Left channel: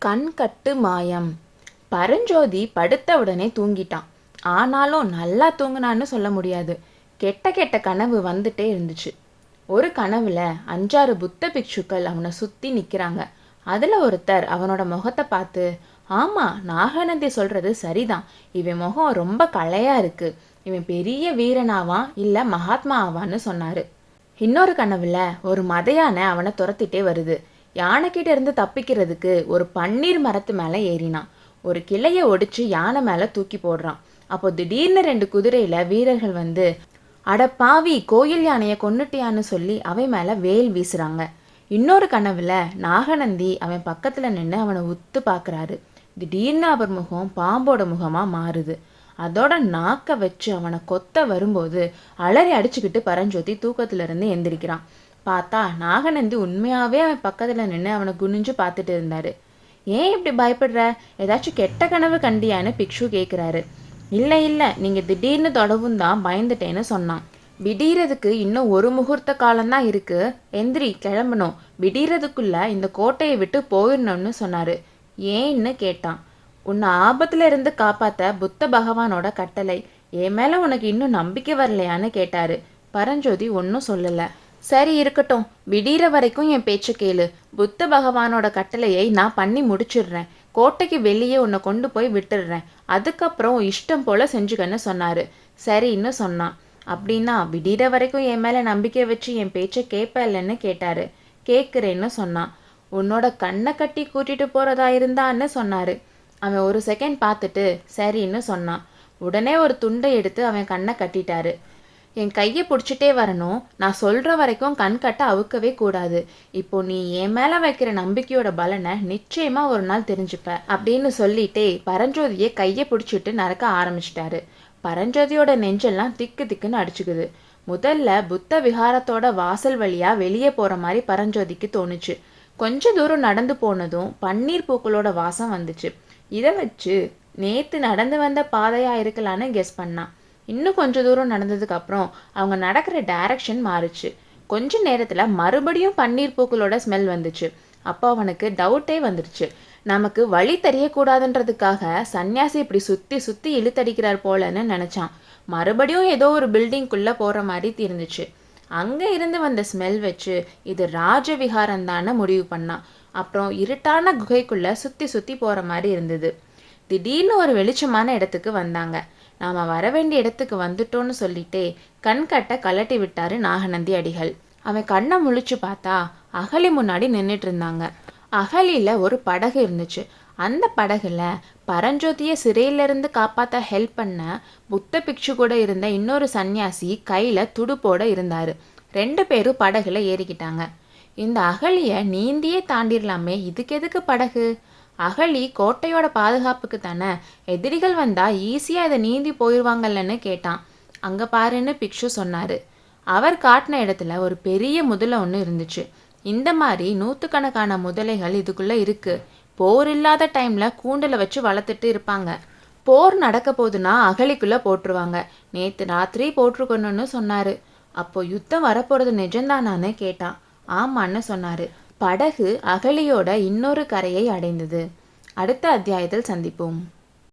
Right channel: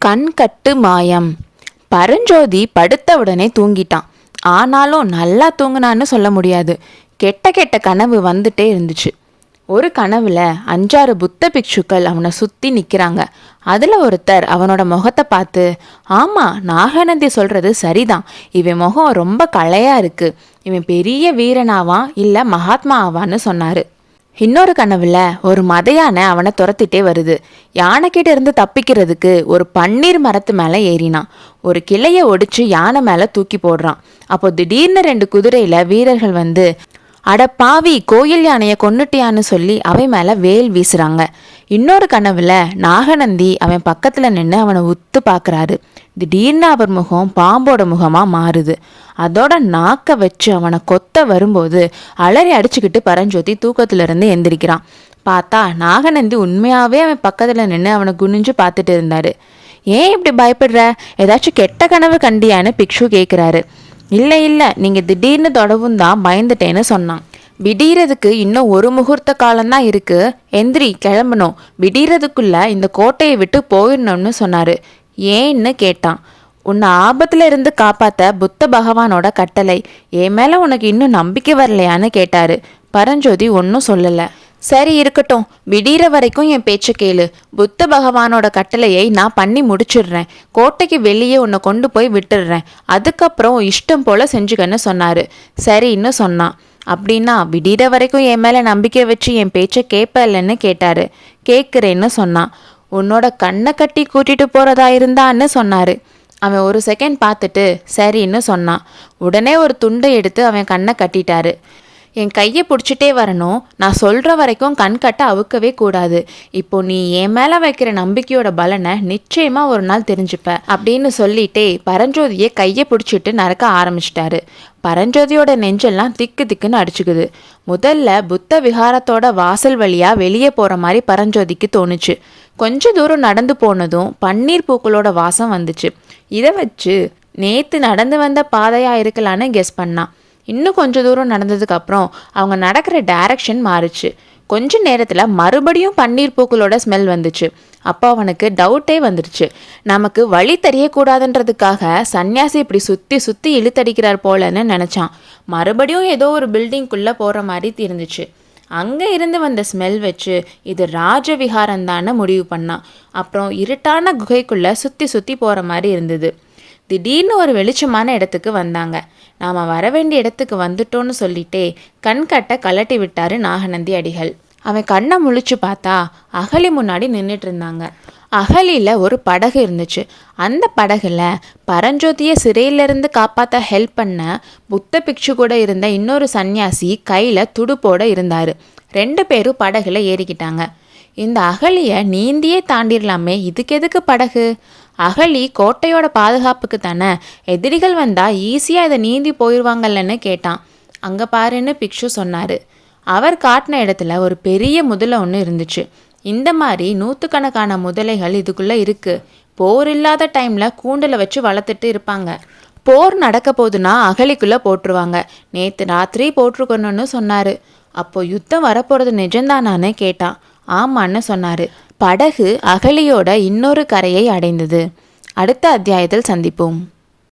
கண்கட்டு மாயம். பரஞ்சோதி படுத்த உடனே தூங்கிட்டான். ஆனாலும் நல்லா தூங்கினான்னு சொல்ல முடியாது. கெட்ட கெட்ட கனவு வந்துட்டே இருந்துச்சு. ஒரு கனவுல 5-6 புத்த பிக்ஷுக்கள் அவனை சுற்றி நிற்கிறாங்க. அதில் ஒருத்தர் அவனோட முகத்தை பார்த்து, ஆமாம், நாகநந்தி சொல்கிறது சரிதான், இவன் முகம் ரொம்ப களையாக இருக்குது, இவன் பெரிய வீரனாவான் இல்லை மகாத்மா ஆவான்னு சொன்னார். இன்னொரு கனவுல ஒரு மதையானை அவனை துரத்திட்டே வருது. யானைக்கிட்ட இருந்து தப்பிக்கிறதுக்கு ஒரு பன்னீர் மரத்து மேலே ஏறினான். ஒரு கிளையை ஒடிச்சு யானை மேலே தூக்கி போடுறான். அப்போ திடீர்னு 2 குதிரையில வீரர்கள் வந்து, அட பாவி, கோயில் யானையை கொன்னுட்டியான்னு சொல்லி அவன் மேலே வேல் வீசுறாங்க. இன்னொரு கனவுல நாகநந்தி அவன் பக்கத்தில் நின்று அவனை உத்து பார்க்குறாரு. திடீர்னு அவர் முகம் பாம்போட முகமாக மாறுது. அதோட நாக்க வச்சு அவனை கொத்த வரும்போது அலறி அடிச்சுக்கிட்டு பரஞ்சோதி தூக்கத்திலிருந்து எந்திரிக்கிறான். பார்த்தா நாகநந்தி உண்மையாகவே அவன் பக்கத்தில் நின்று அவனை குனிஞ்சு பார்த்துட்டு இருந்தாரு. ஏன் இப்படி பயப்படுற, ஏதாச்சும் கெட்ட கனவு கண்டியான்னு பிக்ஷு கேட்குறாரு. இல்லை, நீங்கள் திடீர்னு தொடவும் தான் பயந்துட்டேன்னு சொன்னான். விடியறதுக்கு இன்னும் ஒரு முகூர்த்த காலம்தான் இருக்கு, எந்திரி, கிளம்பணும், விடியறதுக்குள்ள இந்த கோட்டையை விட்டு போயிடணும்னு சொன்னாரு. ஏன்னு கேட்டான். உன்னை ஆபத்துல இருந்து காப்பாத்த புத்த பகவானோட கட்டளை, என் மேல உனக்கு இன்னும் நம்பிக்கை வரலையான்னு கேட்டாரு. பரஞ்சோதி ஒன்றும் சொல்லலை. சரி, இருக்கட்டும், விடிகிற வரைக்கும் என் பேச்சை கேளு. புத்த பகவானோட கட்டளையை நான் பண்ணி முடிச்சிடுறேன். கோட்டைக்கு வெளியே உன்னை கொண்டு போய் விட்டுடுறேன். அதுக்கப்புறம் இஷ்டம் போல செஞ்சுக்கன்னு சொன்னாரு. சரின்னு சொன்னான். அப்படின்னா விடிகிற வரைக்கும் என் மேலே நம்பிக்கை வச்சு என் பேச்சை கேட்பலன்னு கேட்டாரு. கேட்குறேன்னு சொன்னான். உன்னோட கண்ணை கட்டி கூட்டிட்டு போறதா இருந்தான்னு சொன்னாரு. அவன் ஒரு செகண்ட் பார்த்துட்டு சரின்னு சொன்னான். உடனே ஒரு துண்டை எடுத்து அவன் கண்ணை கட்டிட்டாரு. என் கையை பிடிச்சிட்டே வரணும், நான் சொல்கிற வரைக்கும் கண் கட்ட அவுக்கவே கூடாது. இப்போ நீ என் மேலே வைக்கிற நம்பிக்கையோட பலனை நிச்சயமாக ஒரு நாள் தெரிஞ்சுப்ப அப்படின்னு சொல்லிட்டே பரஞ்சோதியை கையை பிடிச்சிட்டு நடக்க ஆரம்பிச்சிட்டாரு. பரஞ்சோதியோட நெஞ்செல்லாம் திக்கு திக்குன்னு அடிச்சுக்குது. முதல்ல புத்த விகாரத்தோட வாசல் வழியாக வெளியே போகிற மாதிரி பரஞ்சோதிக்கு தோணுச்சு. கொஞ்ச தூரம் நடந்து போனதும் பன்னீர் பூக்களோட வாசம் வந்துச்சு. இதை வச்சு நேற்று நடந்து வந்த பாதையாக இருக்கலான்னு கெஸ் பண்ணான். இன்னும் கொஞ்ச தூரம் நடந்ததுக்கு அப்புறம் அவங்க நடக்கிற டைரக்ஷன் மாறுச்சு. கொஞ்ச நேரத்தில் மறுபடியும் பன்னீர் பூக்களோட ஸ்மெல் வந்துச்சு. அப்போ அவனுக்கு டவுட்டே வந்துடுச்சு. நமக்கு வழி தெரியக்கூடாதுன்றதுக்காக சன்னியாசி இப்படி சுற்றி சுற்றி இழுத்தடிக்கிறார் போலன்னு நினச்சான். மறுபடியும் ஏதோ ஒரு பில்டிங்குள்ளே போகிற மாதிரி இருந்துச்சு. அங்கே இருந்து வந்த ஸ்மெல் வச்சு இது ராஜவிகாரந்தான்னு முடிவு பண்ணான். அப்புறம் இருட்டான குகைக்குள்ளே சுற்றி சுற்றி போகிற மாதிரி இருந்தது. திடீர்னு ஒரு வெளிச்சமான இடத்துக்கு வந்தாங்க. நாம் வர வேண்டிய இடத்துக்கு வந்துட்டோன்னு சொல்லிட்டே கண்கட்டை கலட்டி விட்டாரு நாகநந்தி அடிகள். அவன் கண்ணை முழிச்சு பார்த்தா அகழி முன்னாடி நின்றுட்டு இருந்தாங்க. அகழியில் ஒரு படகு இருந்துச்சு. அந்த படகுல பரஞ்சோதியை சிறையிலிருந்து காப்பாற்ற ஹெல்ப் பண்ண புத்த பிக்ஷு கூட இருந்த இன்னொரு சன்னியாசி கையில் துடுப்போட இருந்தார். 2 பேரும் படகுல ஏறிக்கிட்டாங்க. இந்த அகழியை நீந்தியே தாண்டிடலாமே, இதுக்கு எதுக்கு படகு? அகழி கோட்டையோட பாதுகாப்புக்கு தானே, எதிரிகள் வந்தால் ஈஸியாக இதை நீந்தி போயிடுவாங்கல்லன்னு கேட்டான். அங்கே பாருன்னு பிக்ஷு சொன்னார். அவர் காட்டின இடத்துல ஒரு பெரிய முதலை ஒன்று இருந்துச்சு. இந்த மாதிரி 100கணக்கான முதலைகள் இதுக்குள்ளே இருக்குது. போர் இல்லாத டைமில் கூண்டில் வச்சு வளர்த்துட்டு இருப்பாங்க. போர் நடக்க போதுன்னா அகழிக்குள்ளே போட்டுருவாங்க. நேற்று ராத்திரி போட்டிருக்கணும்னு சொன்னார். அப்போ யுத்தம் வரப்போகிறது நிஜம்தானான்னு கேட்டான். ஆமான்னு சொன்னார். படகு அகழியோட இன்னொரு கரையை அடைந்தது. அடுத்த அத்தியாயத்தில் சந்திப்போம்.